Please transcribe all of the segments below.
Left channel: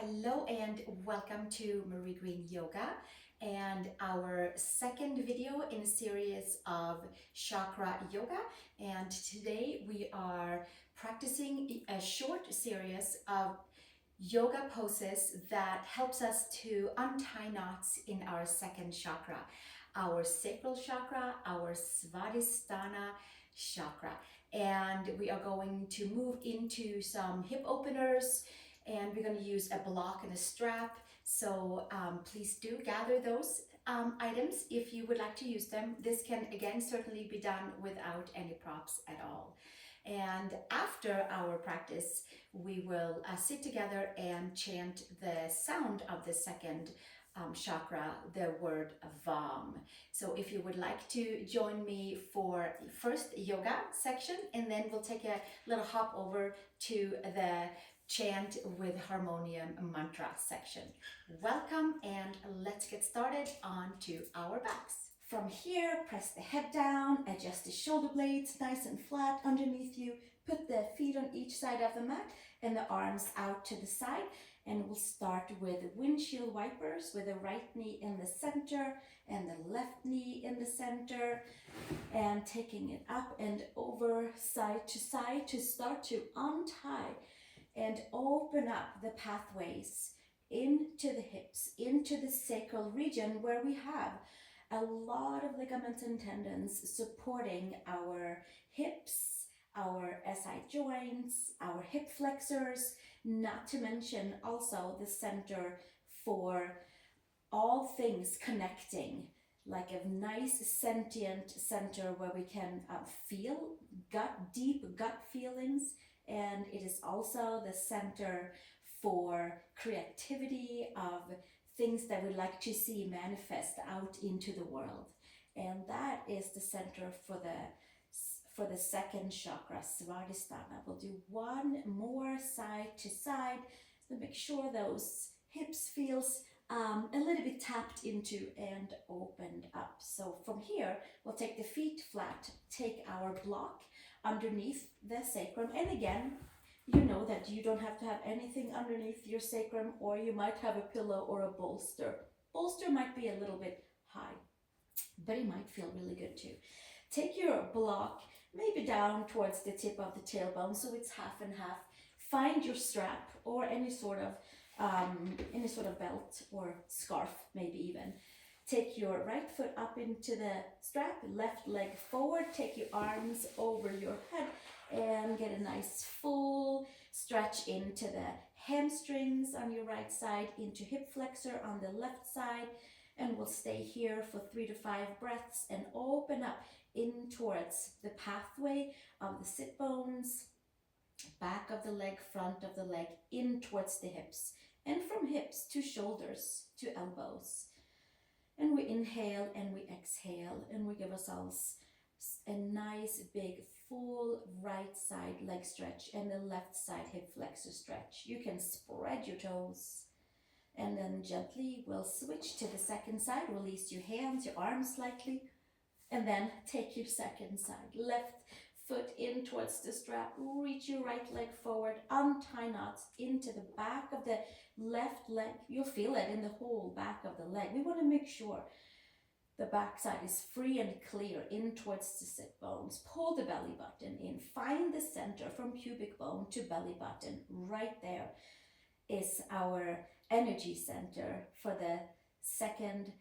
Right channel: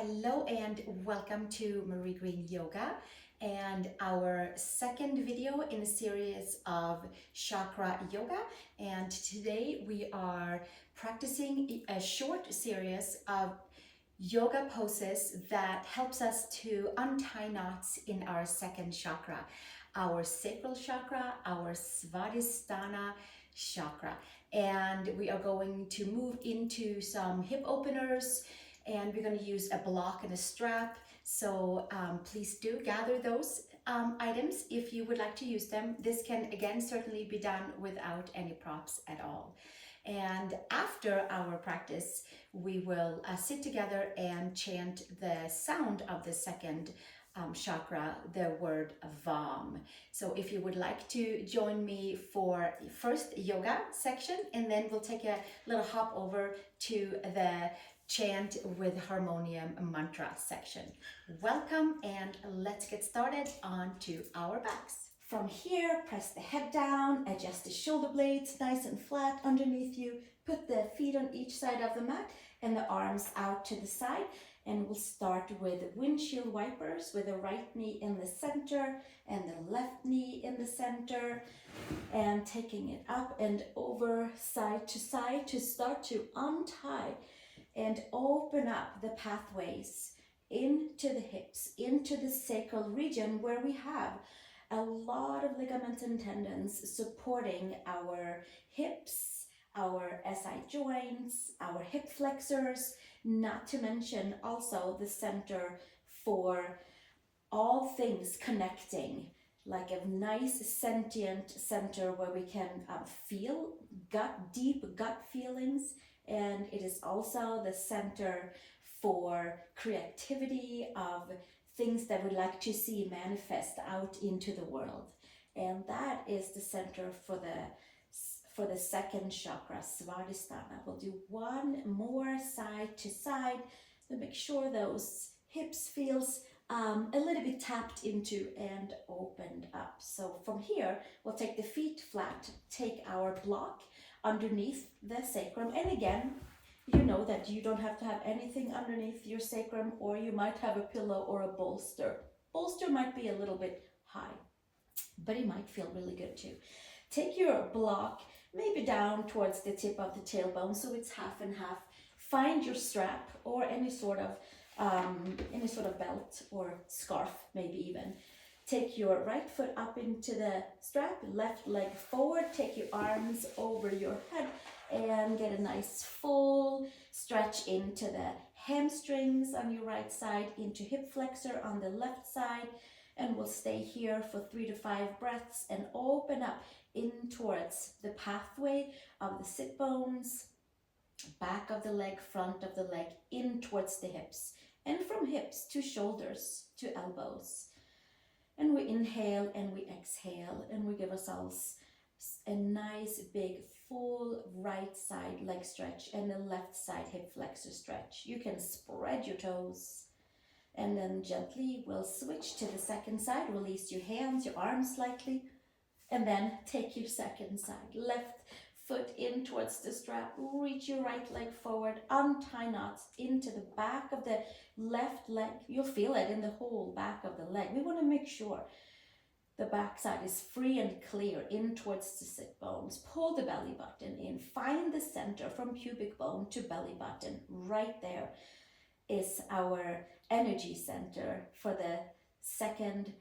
Hello and welcome to Marie Green Yoga and our second video in a series of chakra yoga. And today we are practicing a short series of yoga poses that helps us to untie knots in our second chakra, our sacral chakra, our Svadhistana Chakra. And we are going to move into some hip openers, and we're going to use a block and a strap. So please do gather those items if you would like to use them. This can again certainly be done without any props at all. And after our practice, we will sit together and chant the sound of the second chakra, the word Vam. So if you would like to join me for first yoga section, and then we'll take a little hop over to the chant with harmonium mantra section. Welcome, and let's get started onto our backs. From here, press the head down, adjust the shoulder blades nice and flat underneath you. Put the feet on each side of the mat and the arms out to the side. And we'll start with windshield wipers with the right knee in the center and the left knee in the center. And taking it up and over side to start to untie and open up the pathways into the hips, into the sacral region where we have a lot of ligaments and tendons supporting our hips, our SI joints, our hip flexors, not to mention also the center for all things connecting, like a nice sentient center where we can feel deep gut feelings. And it is also the center for creativity of things that we'd like to see manifest out into the world. And that is the center for the second chakra, Svadhisthana. We'll do one more side to side to make sure those hips feels a little bit tapped into and opened up. So from here, we'll take the feet flat, take our block underneath the sacrum. And again, you know that you don't have to have anything underneath your sacrum, or you might have a pillow or a bolster. Bolster might be a little bit high, but it might feel really good too. Take your block maybe down towards the tip of the tailbone, so it's half and half. Find your strap or any sort of belt or scarf, maybe even. Take your right foot up into the strap, left leg forward, take your arms over your head and get a nice full stretch into the hamstrings on your right side, into hip flexor on the left side, and we'll stay here for 3 to 5 breaths and open up in towards the pathway of the sit bones, back of the leg, front of the leg, in towards the hips, and from hips to shoulders to elbows. And we inhale and we exhale and we give ourselves a nice big full right side leg stretch and the left side hip flexor stretch. You can spread your toes, and then gently we'll switch to the second side. Release your hands, your arms slightly, and then take your second side. Left foot in towards the strap, reach your right leg forward, untie knots into the back of the left leg. You'll feel it in the whole back of the leg. We want to make sure the back side is free and clear in towards the sit bones. Pull the belly button in. Find the center from pubic bone to belly button. Right there is our energy center for the second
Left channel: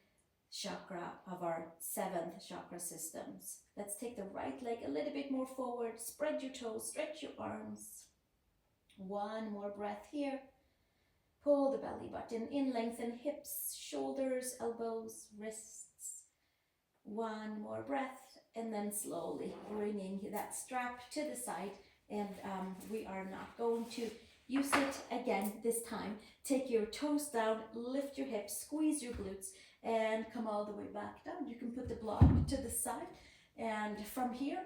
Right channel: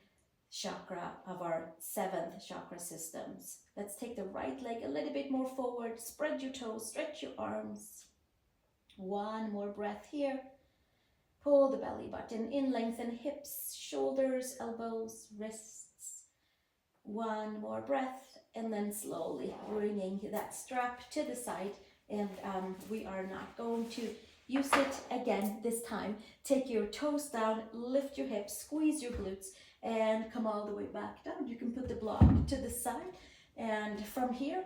chakra of our 7th chakra systems. Let's take the right leg a little bit more forward. Spread your toes, stretch your arms. One more breath here. Pull the belly button in, lengthen hips, shoulders, elbows, wrists. One more breath, and then slowly bringing that strap to the side. And we are not going to use it again this time. Take your toes down, lift your hips, squeeze your glutes, and come all the way back down. You can put the block to the side, and from here,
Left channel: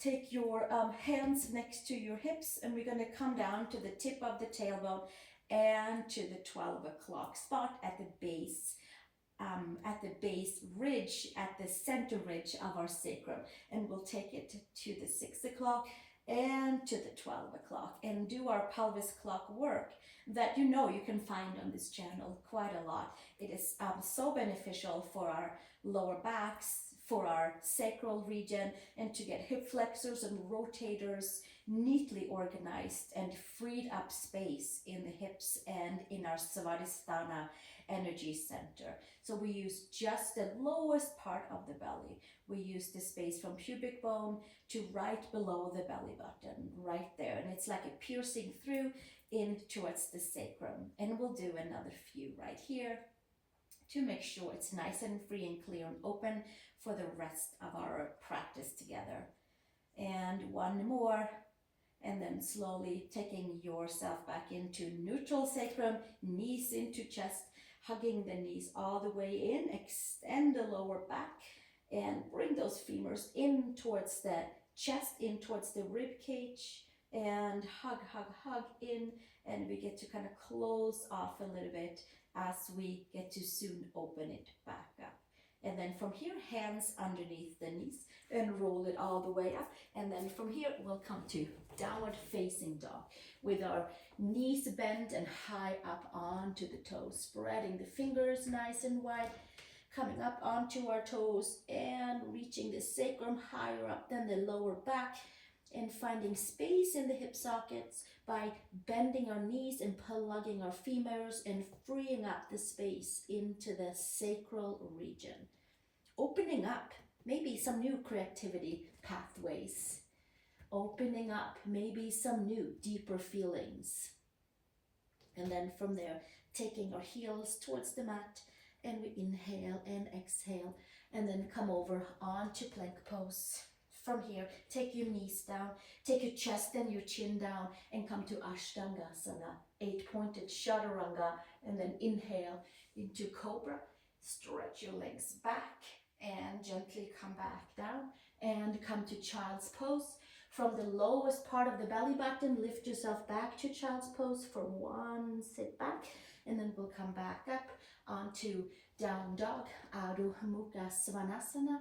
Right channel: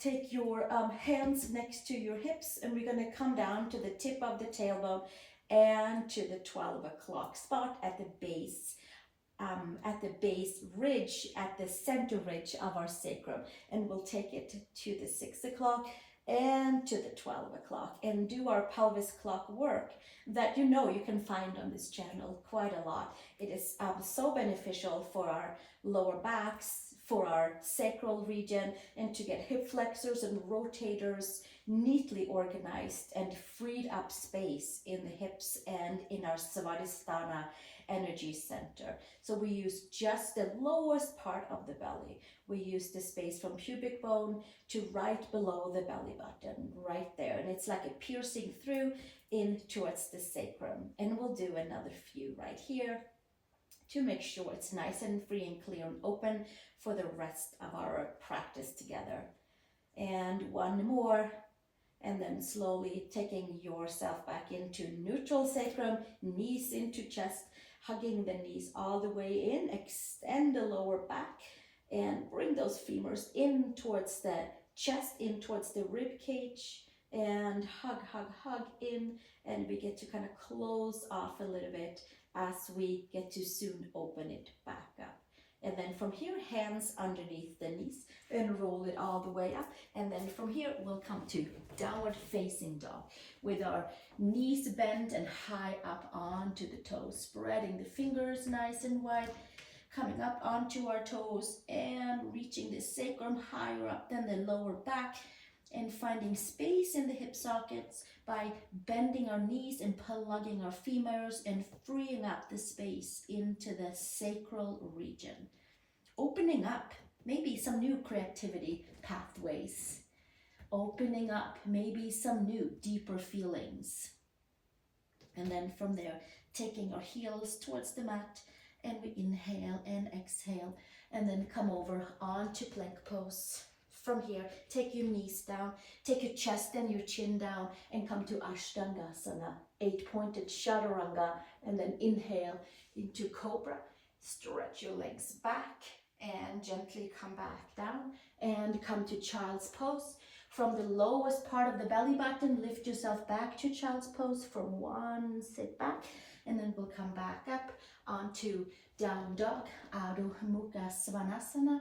take your hands next to your hips, and we're going to come down to the tip of the tailbone and to the 12 o'clock spot at the base ridge, at the center ridge of our sacrum, and we'll take it to the 6 o'clock and to the 12 o'clock, and do our pelvis clock work that you can find on this channel quite a lot. It is so beneficial for our lower backs, for our sacral region, and to get hip flexors and rotators neatly organized and freed up space in the hips and in our Svadhistana energy center. So we use just the lowest part of the belly. We use the space from pubic bone to right below the belly button, right there. And it's like a piercing through in towards the sacrum. And we'll do another few right here to make sure it's nice and free and clear and open for the rest of our practice together. And one more. And then slowly taking yourself back into neutral sacrum, knees into chest, hugging the knees all the way in, extend the lower back, and bring those femurs in towards the chest, in towards the rib cage, and hug, hug, hug in, and we get to kind of close off a little bit as we get to soon open it back up. And then from here, hands underneath the knees and roll it all the way up. And then from here, we'll come to downward facing dog with our knees bent and high up onto the toes, spreading the fingers nice and wide, coming up onto our toes and reaching the sacrum higher up than the lower back, and finding space in the hip sockets by bending our knees and plugging our femurs and freeing up the space into the sacral region. Opening up maybe some new creativity pathways. Opening up maybe some new deeper feelings. And then from there, taking our heels towards the mat, and we inhale and exhale, and then come over onto plank pose. From here, take your knees down, take your chest and your chin down, and come to Ashtangasana, 8-pointed chaturanga, and then inhale into cobra. Stretch your legs back and gently come back down and come to child's pose. From the lowest part of the belly button, lift yourself back to child's pose for one sit back, and then we'll come back up onto down dog, Adho Mukha Svanasana.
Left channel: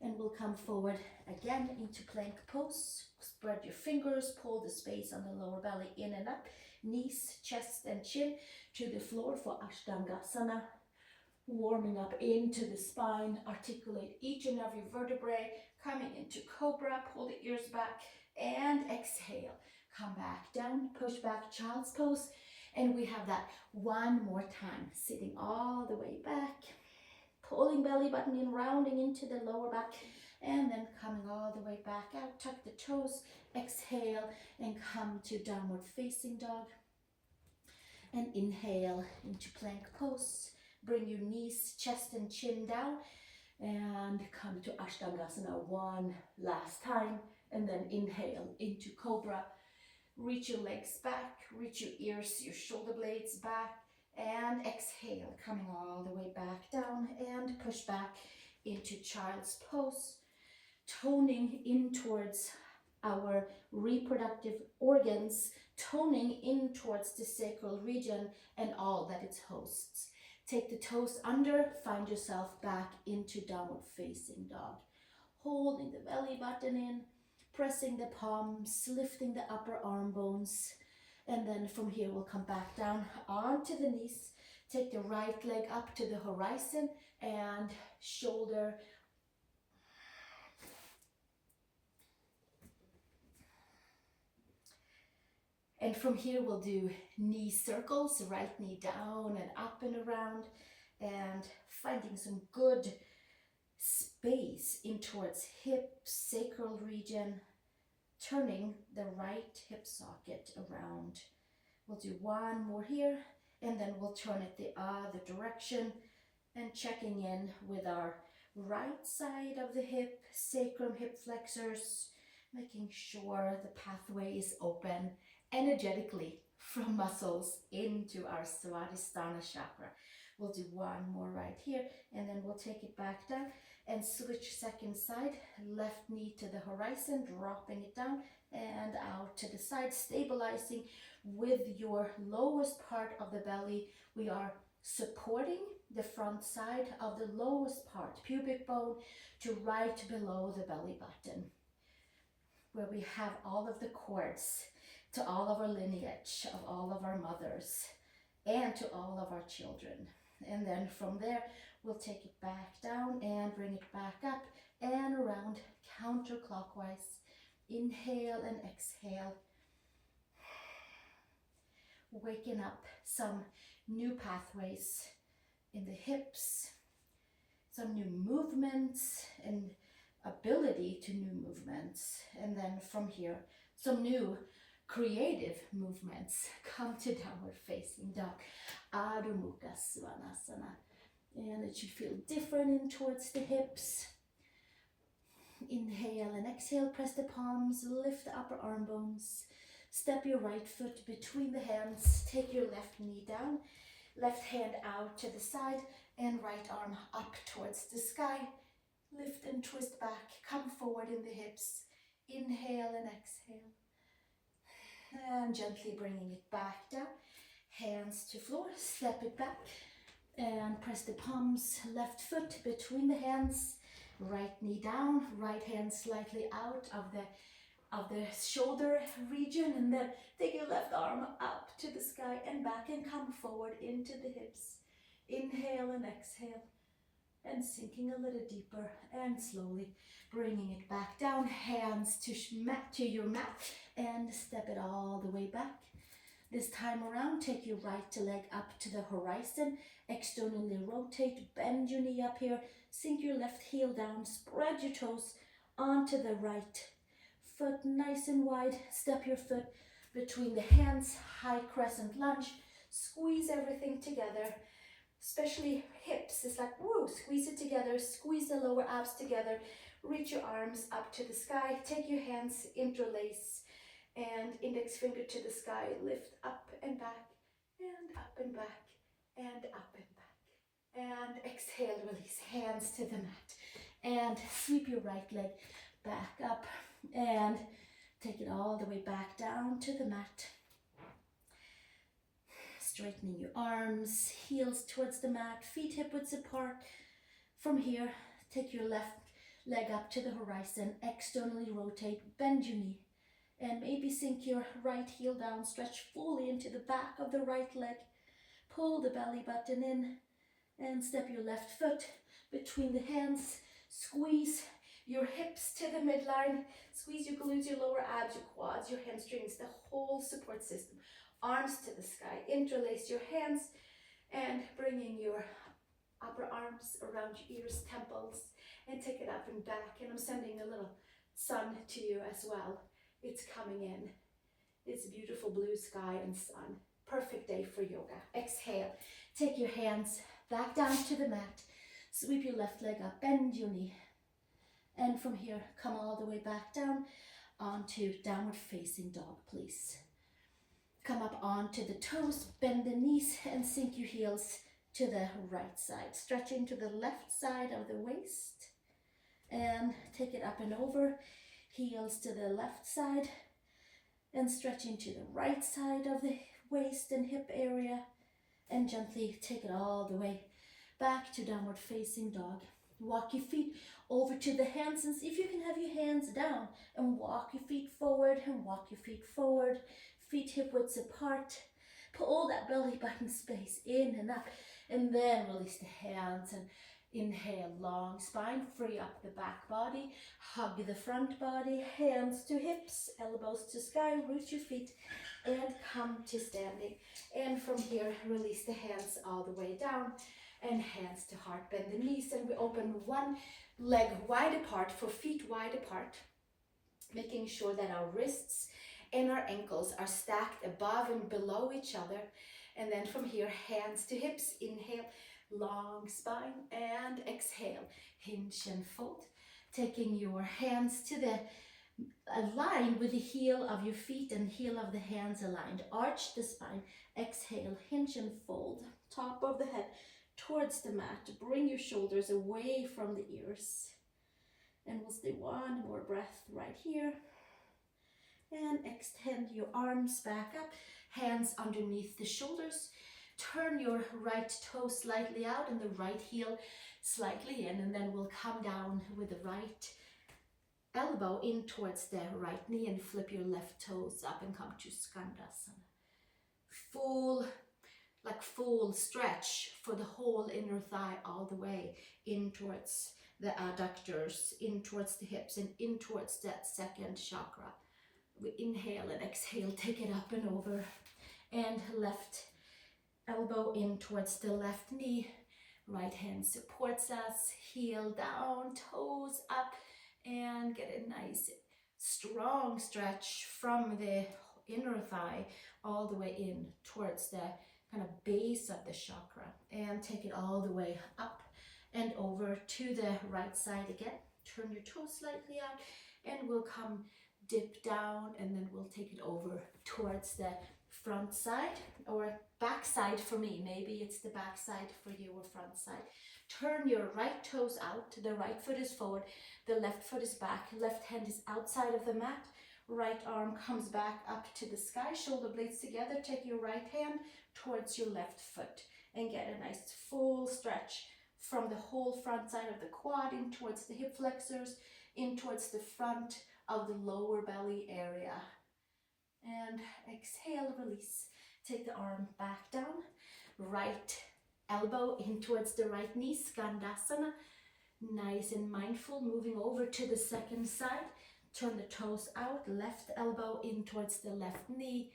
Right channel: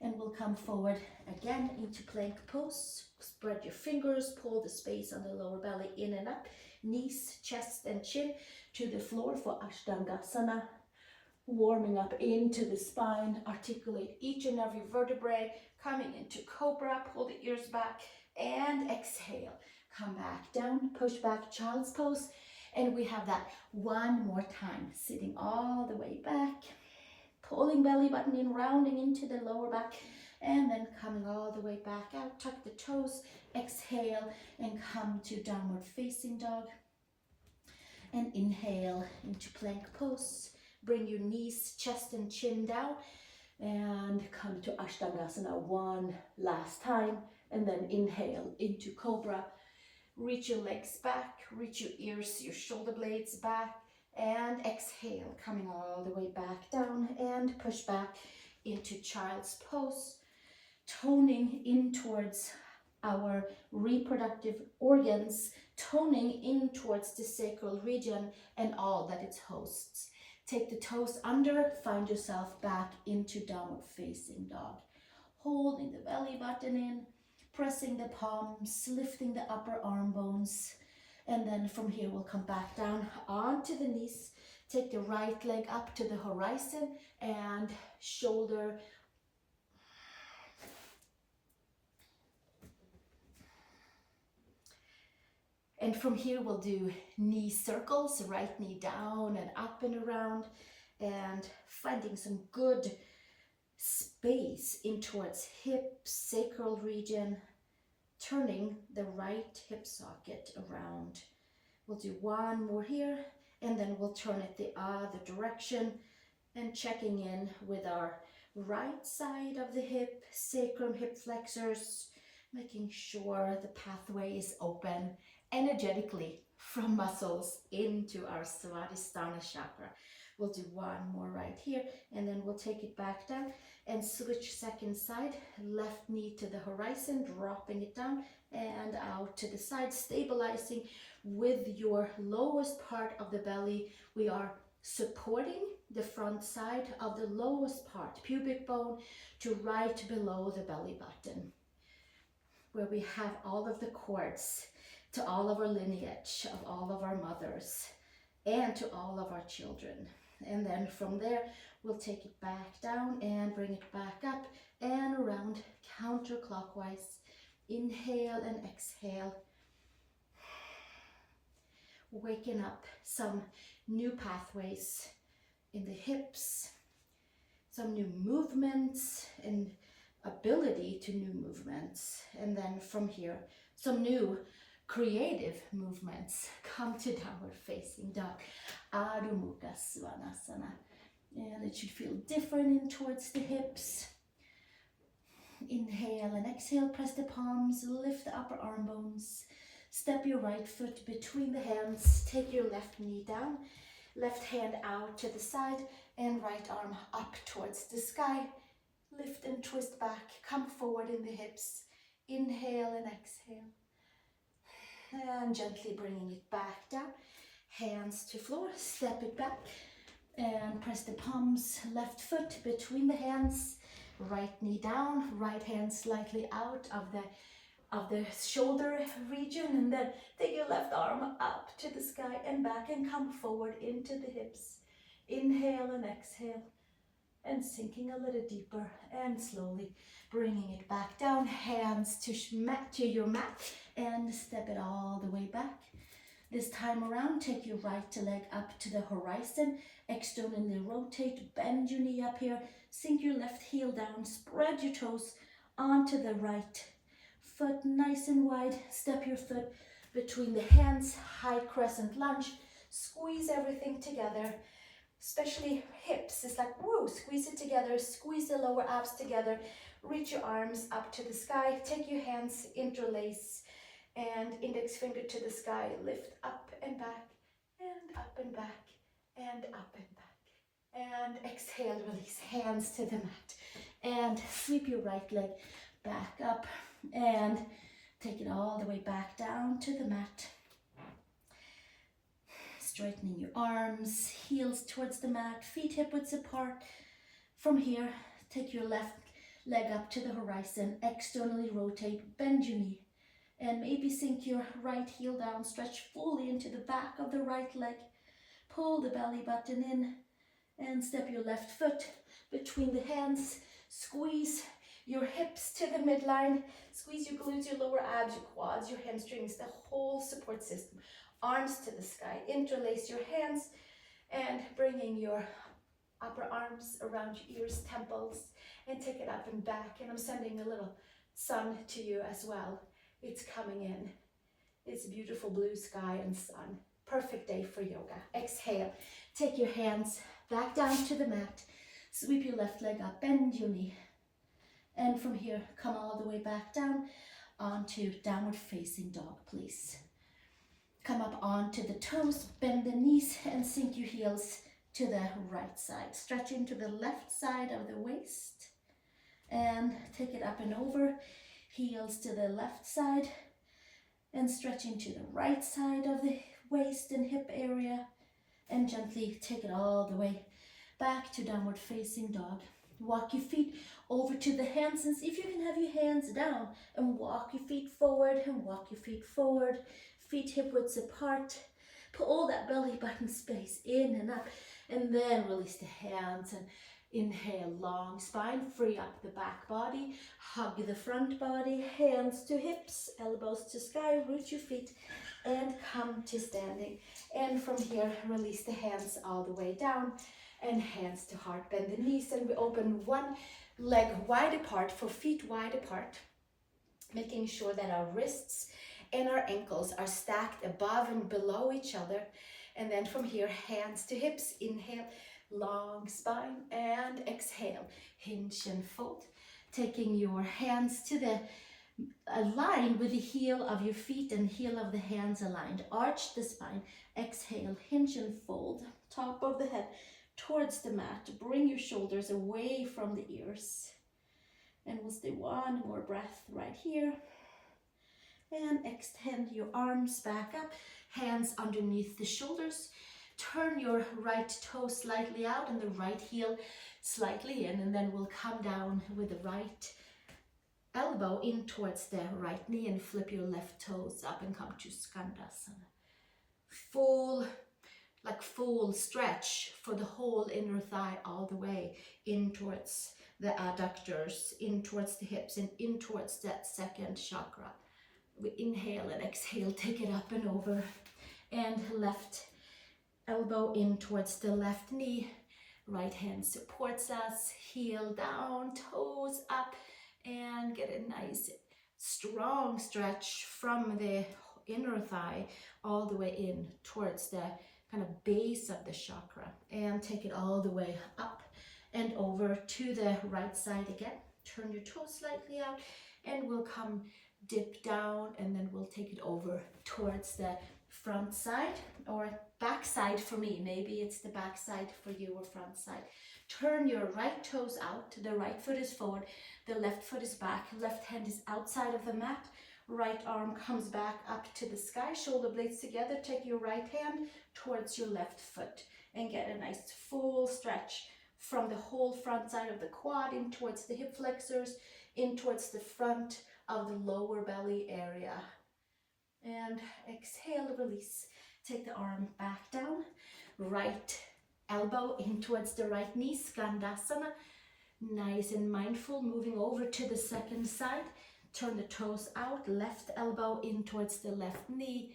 And we'll come forward again into plank pose. Spread your fingers, pull the space on the lower belly in and up. Knees, chest and chin to the floor for Ashtangasana. Warming up into the spine. Articulate each and every vertebrae. Coming into cobra, pull the ears back and exhale. Come back down, push back, child's pose. And we have that one more time. Sitting all the way back. Pulling belly button in, rounding into the lower back, and then coming all the way back out. Tuck the toes, exhale, and come to downward facing dog. And inhale into plank pose. Bring your knees, chest, and chin down, and come to Ashtangasana one last time. And then inhale into cobra. Reach your legs back, reach your ears, your shoulder blades back. And exhale, coming all the way back down and push back into child's pose, toning in towards our reproductive organs, toning in towards the sacral region and all that it hosts. Take the toes under, find yourself back into downward facing dog. Holding the belly button in, pressing the palms, lifting the upper arm bones. And then from here, we'll come back down onto the knees. Take the right leg up to the horizon and shoulder. And from here, we'll do knee circles, right knee down and up and around, and finding some good space in towards hip, sacral region, turning the right hip socket around. We'll do one more here, and then we'll turn it the other direction and checking in with our right side of the hip, sacrum, hip flexors, making sure the pathway is open energetically from muscles into our Svadhistana Chakra. We'll do one more right here, and then we'll take it back down and switch second side, left knee to the horizon, dropping it down and out to the side, stabilizing with your lowest part of the belly. We are supporting the front side of the lowest part, pubic bone, to right below the belly button. where we have all of the cords to all of our lineage, of all of our mothers, and to all of our children. And then from there, we'll take it back down and bring it back up and around counterclockwise. Inhale and exhale. Waking up some new pathways in the hips, some new movements and ability to new movements. And then from here, some new creative movements. Come to downward facing dog. Adho Mukha Svanasana. And it should feel different in towards the hips. Inhale and exhale, press the palms, lift the upper arm bones. Step your right foot between the hands, take your left knee down, left hand out to the side, and right arm up towards the sky. Lift and twist back, come forward in the hips. Inhale and exhale. And gently bringing it back down. Hands to floor, step it back, and press the palms, left foot between the hands, right knee down, right hand slightly out of the shoulder region, and then take your left arm up to the sky and back and come forward into the hips. Inhale and exhale, and sinking a little deeper and slowly bringing it back down. Hands to your mat and step it all the way back. This time around, take your right leg up to the horizon, externally rotate, bend your knee up here, sink your left heel down, spread your toes onto the right foot nice and wide, step your foot between the hands, high crescent lunge, squeeze everything together, especially hips. It's like, whoa, squeeze it together, squeeze the lower abs together, reach your arms up to the sky, take your hands, interlace, and index finger to the sky, lift up and back, and up and back, and up and back. And exhale, release, hands to the mat. And sweep your right leg back up and take it all the way back down to the mat. Straightening your arms, heels towards the mat, feet hip widths apart. From here, take your left leg up to the horizon, externally rotate, bend your knee, and maybe sink your right heel down, stretch fully into the back of the right leg. Pull the belly button in and step your left foot between the hands. Squeeze your hips to the midline. Squeeze your glutes, your lower abs, your quads, your hamstrings, the whole support system. Arms to the sky. Interlace your hands and bringing your upper arms around your ears, temples, and take it up and back. And I'm sending a little sun to you as well. It's coming in. It's beautiful blue sky and sun. Perfect day for yoga. Exhale. Take your hands back down to the mat. Sweep your left leg up. Bend your knee. And from here, come all the way back down onto downward facing dog, please. Come up onto the toes. Bend the knees and sink your heels to the right side. Stretch into the left side of the waist. And take it up and over. Heels to the left side and stretch into the right side of the waist and hip area, and gently take it all the way back to downward facing dog. Walk your feet over to the hands and see if you can have your hands down and walk your feet forward and walk your feet forward, feet hip widths apart. Pull that belly button space in and up, and then release the hands and inhale, long spine, free up the back body, hug the front body, hands to hips, elbows to sky, root your feet, and come to standing. And from here, release the hands all the way down, and hands to heart, bend the knees, and we open one leg wide apart for feet wide apart, making sure that our wrists and our ankles are stacked above and below each other. And then from here, hands to hips, inhale, long spine, and exhale, hinge and fold, taking your hands to the align with the heel of your feet and heel of the hands aligned. Arch the spine, exhale, hinge and fold, top of the head towards the mat. Bring your shoulders away from the ears, and we'll stay one more breath right here. And extend your arms back up, hands underneath the shoulders. Turn your right toe slightly out and the right heel slightly in, and then we'll come down with the right elbow in towards the right knee and flip your left toes up and come to Skandasana. Full stretch for the whole inner thigh all the way in towards the adductors, in towards the hips, and in towards that second chakra. We inhale and exhale, take it up and over. And left elbow in towards the left knee. Right hand supports us, heel down, toes up, and get a nice strong stretch from the inner thigh all the way in towards the kind of base of the chakra, and take it all the way up and over to the right side again. Turn your toes slightly out and we'll come dip down, and then we'll take it over towards the front side or back side for me. Maybe it's the back side for you or front side. Turn your right toes out. The right foot is forward, the left foot is back, left hand is outside of the mat, right arm comes back up to the sky, shoulder blades together. Take your right hand towards your left foot and get a nice full stretch from the whole front side of the quad in towards the hip flexors, in towards the front of the lower belly area. And exhale, release. Take the arm back down, right elbow in towards the right knee, Skandasana. Nice and mindful, moving over to the second side. Turn the toes out, left elbow in towards the left knee,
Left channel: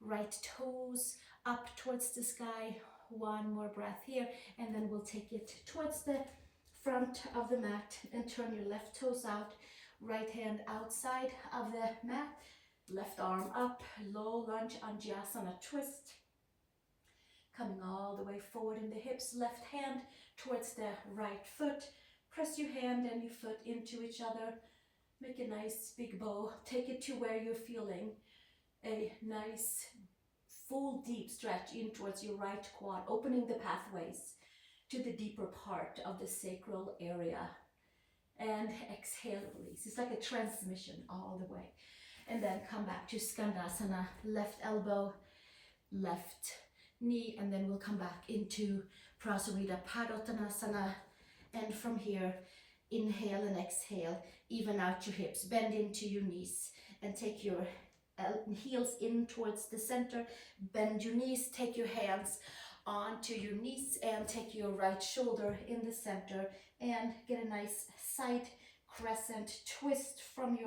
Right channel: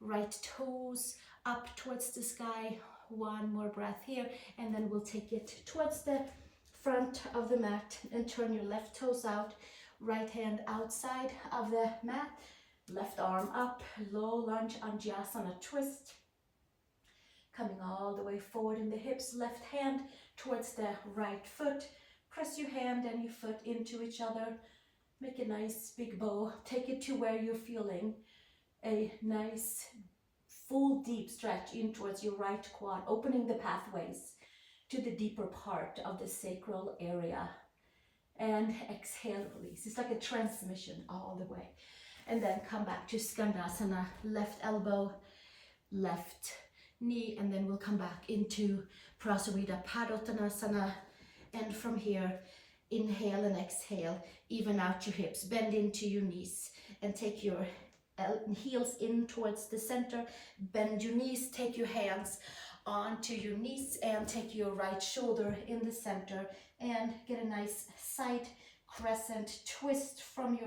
right toes up towards the sky. One more breath here, and then we'll take it towards the front of the mat and turn your left toes out, right hand outside of the mat, left arm up, low lunge, Anjasana twist. Coming all the way forward in the hips, left hand towards the right foot. Press your hand and your foot into each other. Make a nice big bow. Take it to where you're feeling a nice full deep stretch in towards your right quad, opening the pathways to the deeper part of the sacral area. And exhale, release. It's like a transmission all the way. And then come back to Skandasana, left elbow, left knee, and then we'll come back into Prasarita Padottanasana. And from here, inhale and exhale, even out your hips, bend into your knees, and take your heels in towards the center, bend your knees, take your hands onto your knees, and take your right shoulder in the center, and get a nice side crescent twist from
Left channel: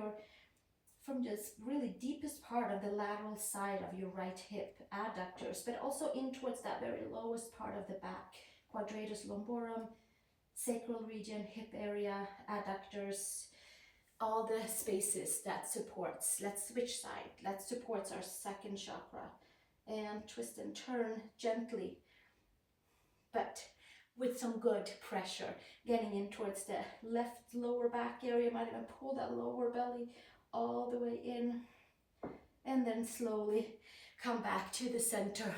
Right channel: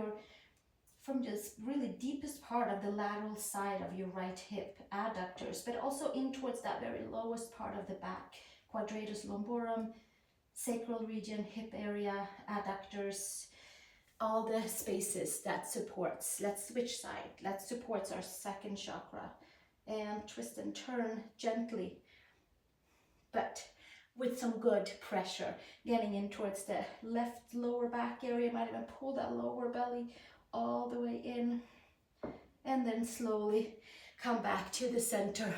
just really deepest part of the lateral side of your right hip adductors, but also in towards that very lowest part of the back, quadratus lumborum, sacral region, hip area, adductors, all the spaces that supports. Let's switch side. That supports our second chakra. And twist and turn gently, but with some good pressure, getting in towards the left lower back area. Might even pull that lower belly all the way in, and then slowly come back to the center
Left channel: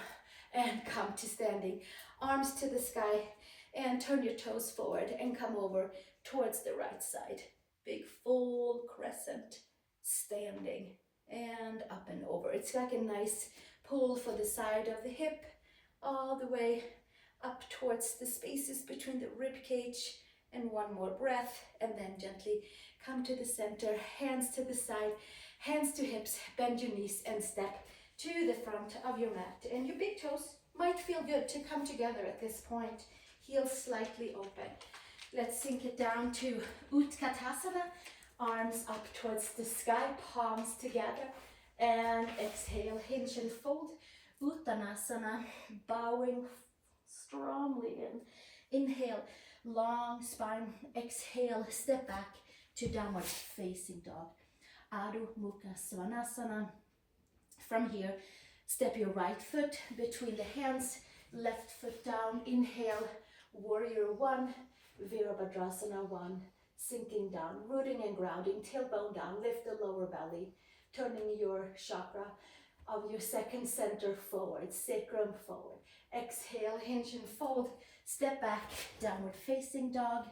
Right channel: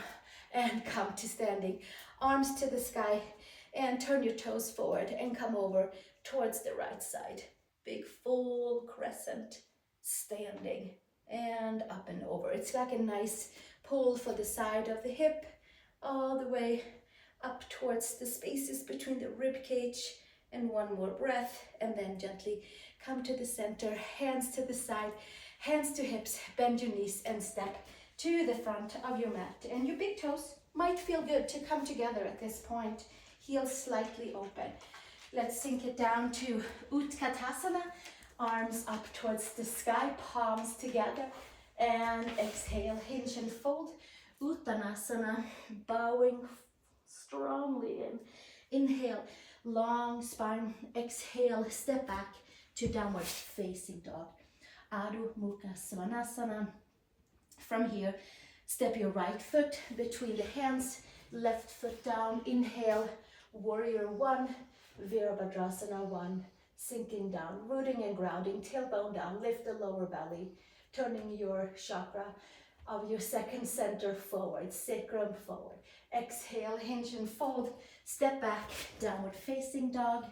and come to standing, arms to the sky, and turn your toes forward and come over towards the right side. Big full crescent, standing and up and over. It's like a nice pull for the side of the hip, all the way up towards the spaces between the rib cage. And one more breath, and then gently come to the center, hands to the side, hands to hips, bend your knees and step to the front of your mat. And your big toes might feel good to come together at this point, heels slightly open. Let's sink it down to Utkatasana, arms up towards the sky, palms together, and exhale, hinge and fold. Uttanasana, bowing strongly in. Inhale, long spine. Exhale, step back to downward facing dog. Adho Mukha Svanasana. From here, step your right foot between the hands, left foot down. Inhale, warrior one, Virabhadrasana one. Sinking down, rooting and grounding, tailbone down, lift the lower belly, turning your chakra of your second center forward, sacrum forward. Exhale, hinge and fold, step back, downward facing dog.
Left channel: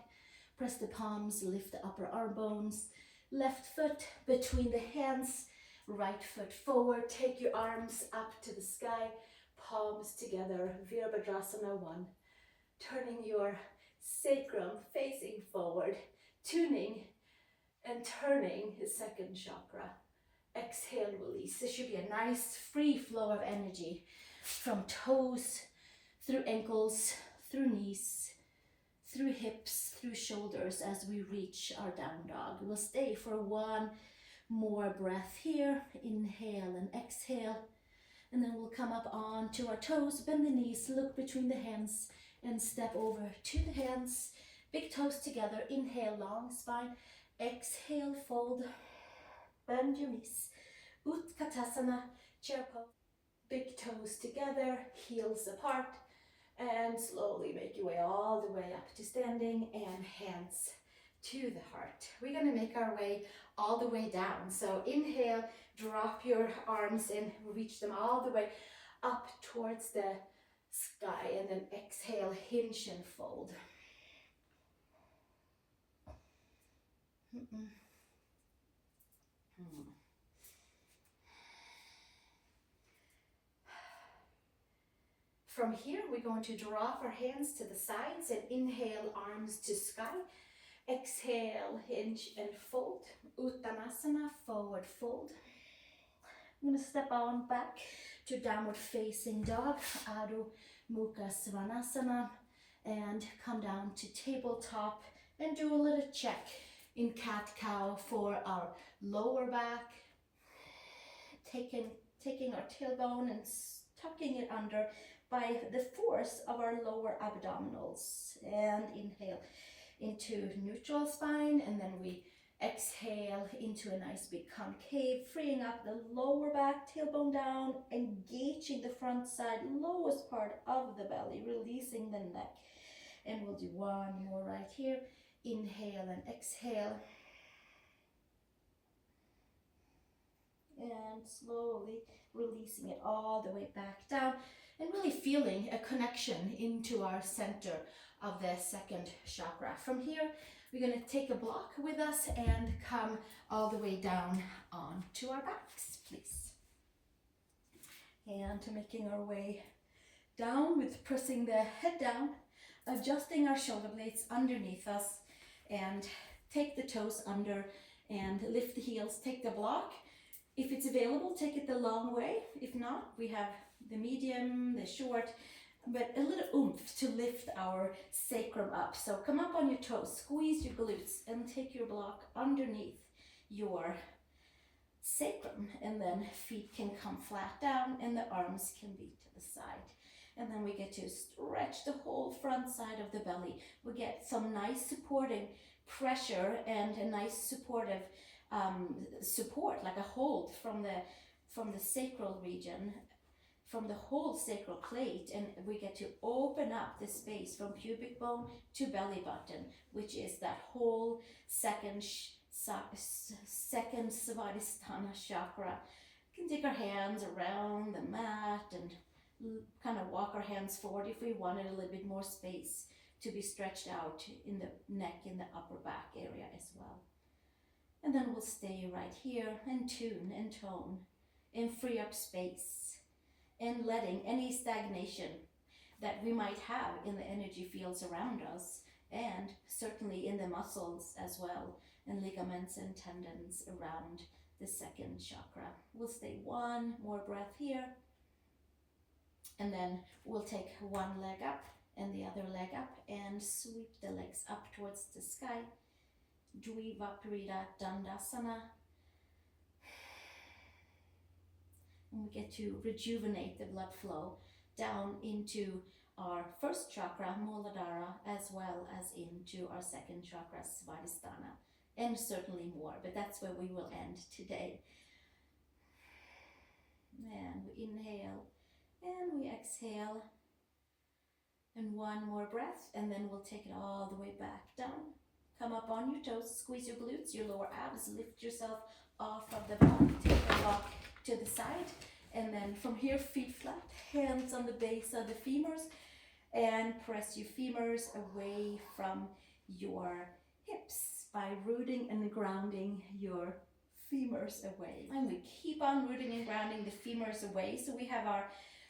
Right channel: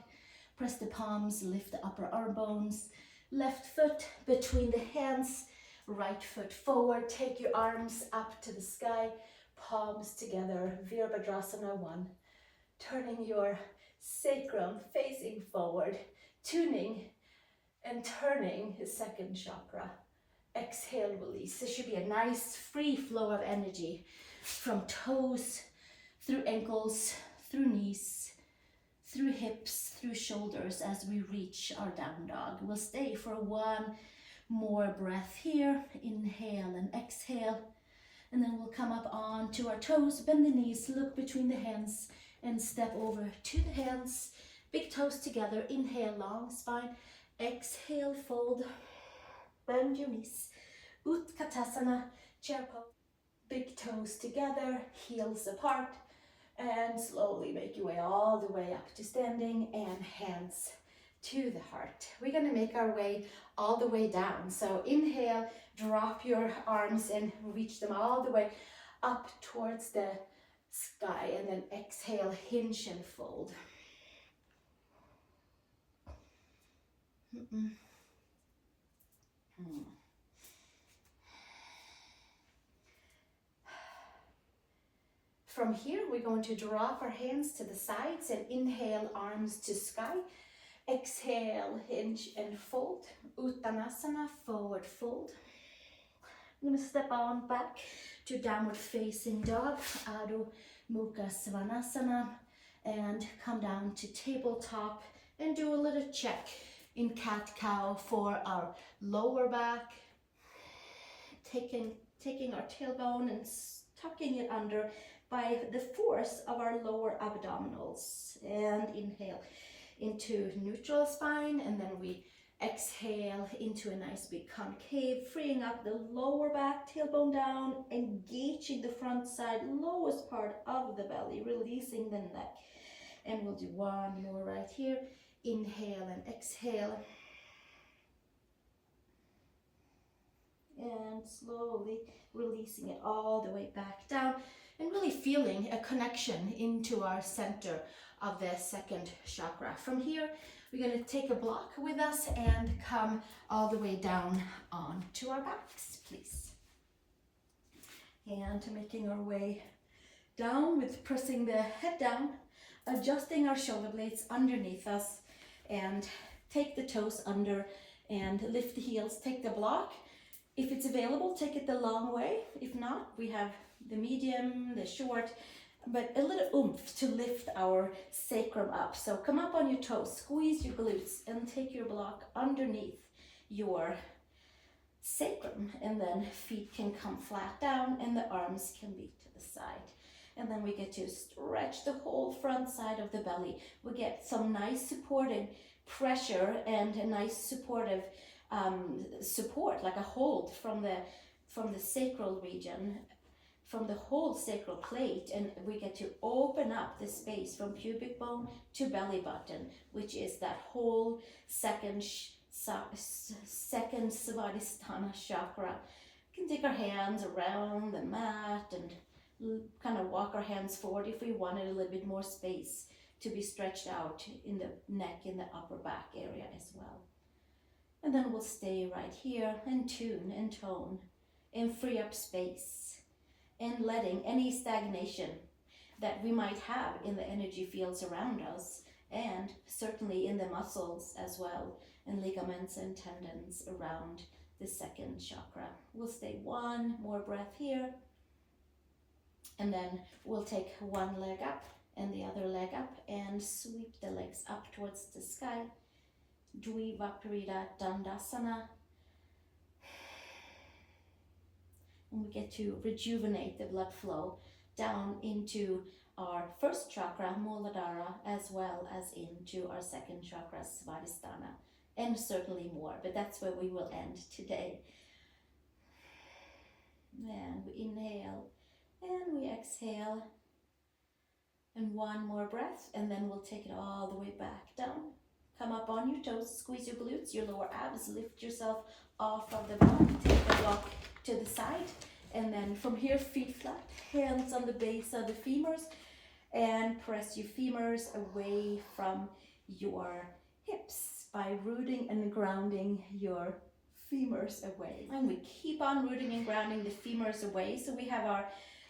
Press the palms, lift the upper arm bones. Left foot between the hands, right foot forward. Take your arms up to the sky, palms together, Virabhadrasana one. Turning your sacrum facing forward, tuning and turning his second chakra. Exhale, release. This should be a nice free flow of energy from toes, through ankles, through knees, through hips, through shoulders as we reach our down dog. We'll stay for one more breath here. Inhale and exhale. And then we'll come up onto our toes, bend the knees, look between the hands, and step over to the hands. Big toes together. Inhale, long spine. Exhale, fold. Bend your knees. Utkatasana, chair pose. Big toes together, heels apart. And slowly make your way all the way up to standing and hands to the heart. We're going to make our way all the way down. So inhale, drop your arms and reach them all the way up towards the sky. And then exhale, hinge and fold. From here, we're going to drop our hands to the sides and inhale, arms to sky. Exhale, hinge and fold. Uttanasana, forward fold. I'm going to step on back to downward facing dog, Adho Mukha Svanasana, and come down to tabletop and do a little check in cat-cow for our lower back. Taking our tailbone and tucking it under by the force of our lower abdominals. And inhale into neutral spine, and then we exhale into a nice big concave, freeing up the lower back, tailbone down, engaging the front side, lowest part of the belly, releasing the neck. And we'll do one more right here. Inhale and exhale. And slowly releasing it all the way back down, and really feeling a connection into our center of the second chakra. From here, we're going to take a block with us and come all the way down onto our backs, please. And making our way down with pressing the head down, adjusting our shoulder blades underneath us, and take the toes under and lift the heels, take the block. If it's available, take it the long way. If not, we have the medium, the short, but a little oomph to lift our sacrum up. So come up on your toes, squeeze your glutes, and take your block underneath your sacrum. And then feet can come flat down and the arms can be to the side. And then we get to stretch the whole front side of the belly. We get some nice supporting pressure and a nice supportive support, like a hold from the sacral region, from the whole sacral plate, and we get to open up the space from pubic bone to belly button, which is that whole second Svadhistana Chakra. We can take our hands around the mat and kind of walk our hands forward if we wanted a little bit more space to be stretched out in the neck, in the upper back area as well. And then we'll stay right here and tune and tone and free up space and letting any stagnation that we might have in the energy fields around us, and certainly in the muscles as well, and ligaments and tendons around the second chakra. We'll stay one more breath here, and then we'll take one leg up and the other leg up and sweep the legs up towards the sky. Dvivaparita Dandasana. And we get to rejuvenate the blood flow down into our first chakra, Muladhara, as well as into our second chakra, Svadhisthana, and certainly more, but that's where we will end today. And we inhale and we exhale. And one more breath, and then we'll take it all the way back down. Come up on your toes, squeeze your glutes, your lower abs, lift yourself off of the block, take the block to the side, and then from here, feet flat, hands on the base of the femurs, and press your femurs away from your hips by rooting and grounding your femurs away. And we keep on rooting and grounding the femurs away, so we have our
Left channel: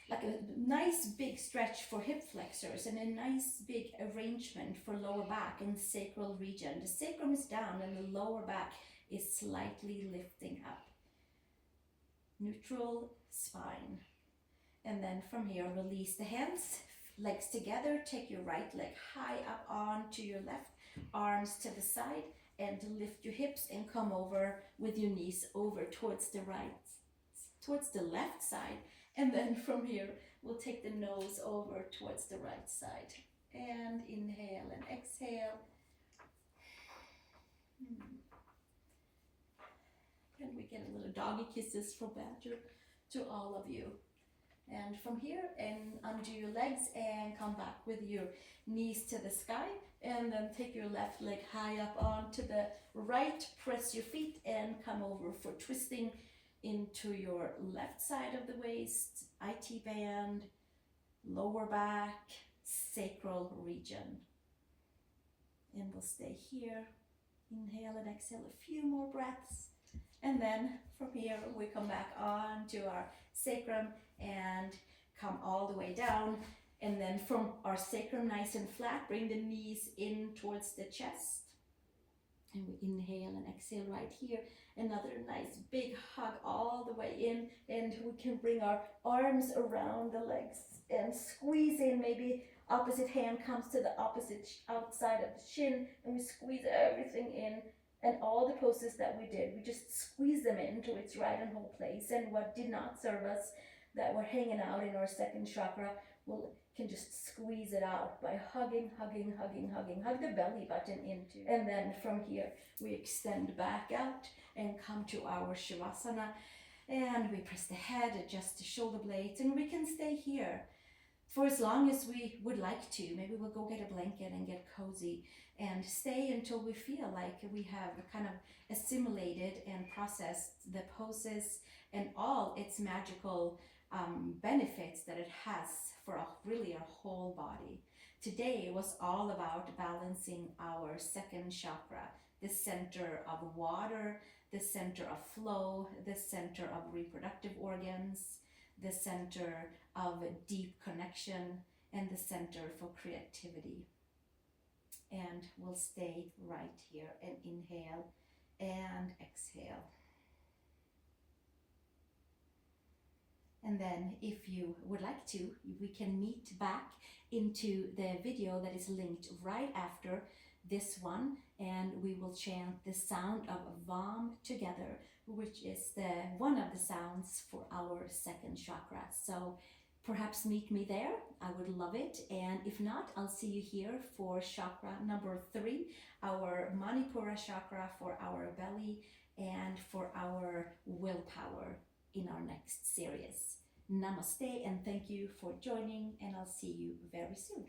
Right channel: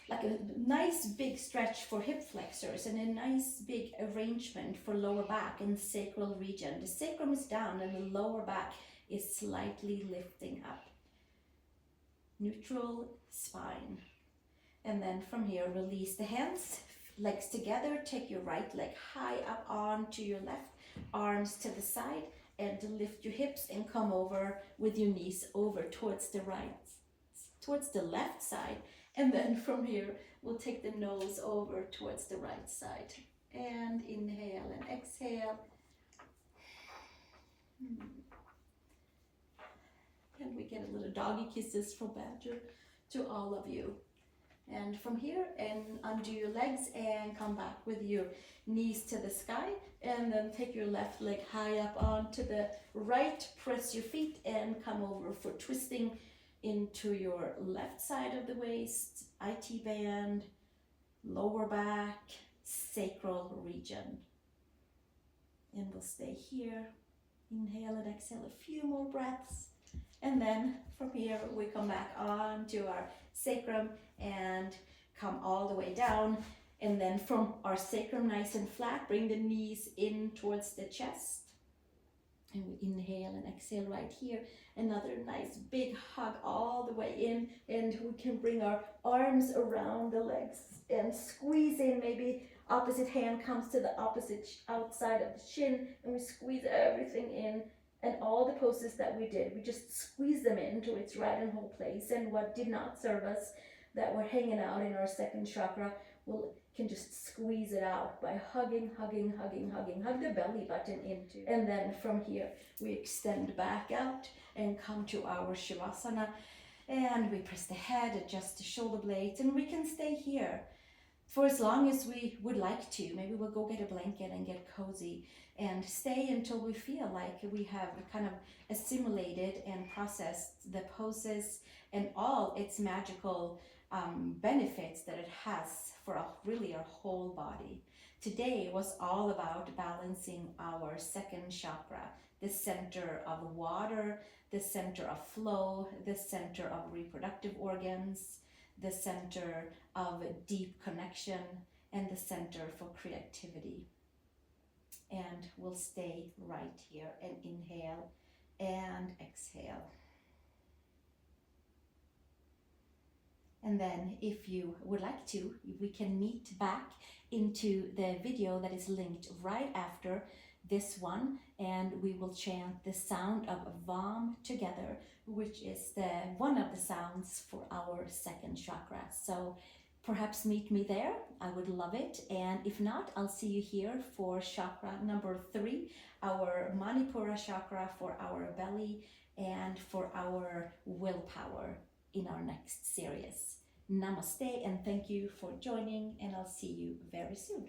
like a nice big stretch for hip flexors and a nice big arrangement for lower back and sacral region. The sacrum is down and the lower back is slightly lifting up. Neutral spine. And then from here, release the hands, legs together, take your right leg high up onto your left, arms to the side, and lift your hips and come over with your knees over towards the left side. And then from here, we'll take the nose over towards the right side. And inhale and exhale. And we get a little doggy kisses from Badger to all of you. And from here, and undo your legs and come back with your knees to the sky. And then take your left leg high up onto the right. Press your feet and come over for twisting into your left side of the waist, IT band, lower back, sacral region. And we'll stay here. Inhale and exhale a few more breaths. And then from here, we come back onto our sacrum and come all the way down. And then from our sacrum nice and flat, bring the knees in towards the chest. And we inhale and exhale right here. Another nice big hug all the way in. And we can bring our arms around the legs and squeeze in. Maybe opposite hand comes to the opposite outside of the shin. And we squeeze everything in. And all the poses that we did, we just squeeze them into its right and whole place. And what did not serve us, that were hanging out in our second chakra, we can just squeeze it out by hugging, hugging, hugging, hugging. Hug the belly button into. And then from here, we extend back out and come to our Shavasana. And we press the head, adjust the shoulder blades, and we can stay here for as long as we would like to. Maybe we'll go get a blanket and get cozy and stay until we feel like we have kind of assimilated and processed the poses and all its magical benefits that it has for really our whole body. Today was all about balancing our second chakra, the center of water, the center of flow, the center of reproductive organs, the center of deep connection, and the center for creativity. And we'll stay right here and inhale and exhale. And then if you would like to, we can meet back into the video that is linked right after this one, and we will chant the sound of Vam together, which is one of the sounds for our second chakra. So perhaps meet me there. I would love it. And if not, I'll see you here for chakra number 3, our Manipura chakra for our belly and for our willpower in our next series. Namaste and thank you for joining, and I'll see you very soon.